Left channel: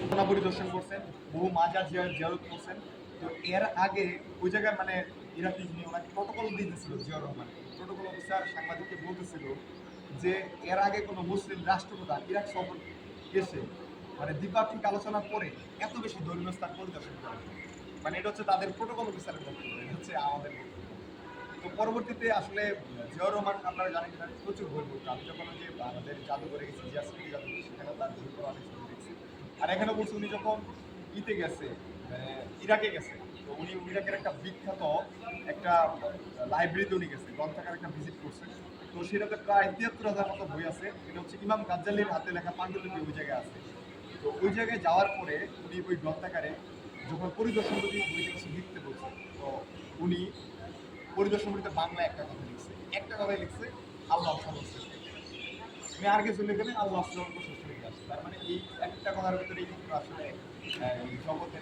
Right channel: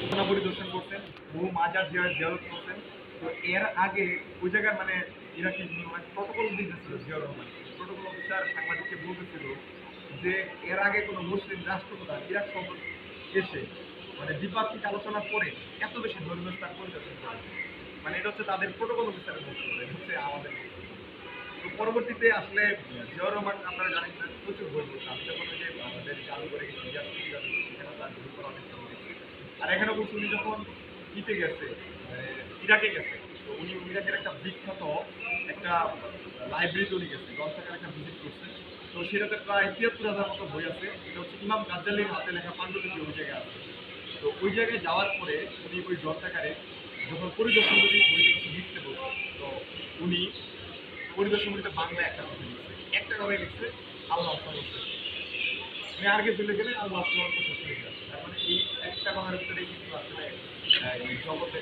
ঘটনা পরিদর্শন করছেন, বহু মাজার জিয়ার জিয়ারত করছেন। তো এর আগে ওই জায়গায় মানে ইরাকি ওনাকে প্রটোকল দিতেছিল জিয়াউর রহমান। প্রটোকল অফিসার সাংবাদিককে বলতেছিল যে এর আগে কোনো মুসলিম রাষ্ট্রপ্রধান ইরাক সফর এসে মানে দ্বিপাক্ষিক আলোচনার পরে এত বেশি ধর্মীয় স্থান পরিদর্শন করে। মানে এটা হচ্ছে তাদের প্রটোকল অফিসারের বক্তব্য হচ্ছে আমাদের তো পরবর্তীতে আসলে জিয়াউর রহমান, আপনারা জানেন প্রচুর বই পড়তো। আমি যখন ওই যে আমাদের জাদুঘরে গেছি, জিয়া আর এখানে বলছি উনি যখন ইতে গেছে মানে ইরাকে গেছে, তো উনি ইরাকের একটা বিখ্যাত একটা লাইব্রেরিতে উনি গেছে, গ্রন্থাগার একটা ভিজিট করছে। তো সেটাতে প্রায় তিয়াত্তর হাজার মতো বই আছে। এটা হচ্ছে ইমাম গাজ্জালির হাতে লেখা পাণ্ডুলিপি ওই জায়গায় আছে। তো ওই জায়গায় যাওয়ার পরে উনি ওই গ্রন্থাগারে যখন পরিদর্শন করি বইটা কিছু লিখতে বলছে, তো উনি পরিদর্শন করিতে বাংলা একটা কথা লিখছে। একটা কথা লিখছে আল্লাহ উনি আর কিছু লিখে নেই আল্লাহ সর্বশ্রেষ্ঠ লিখে আসছে তার মানে এই একটা কথার ভিতরে এই জগতে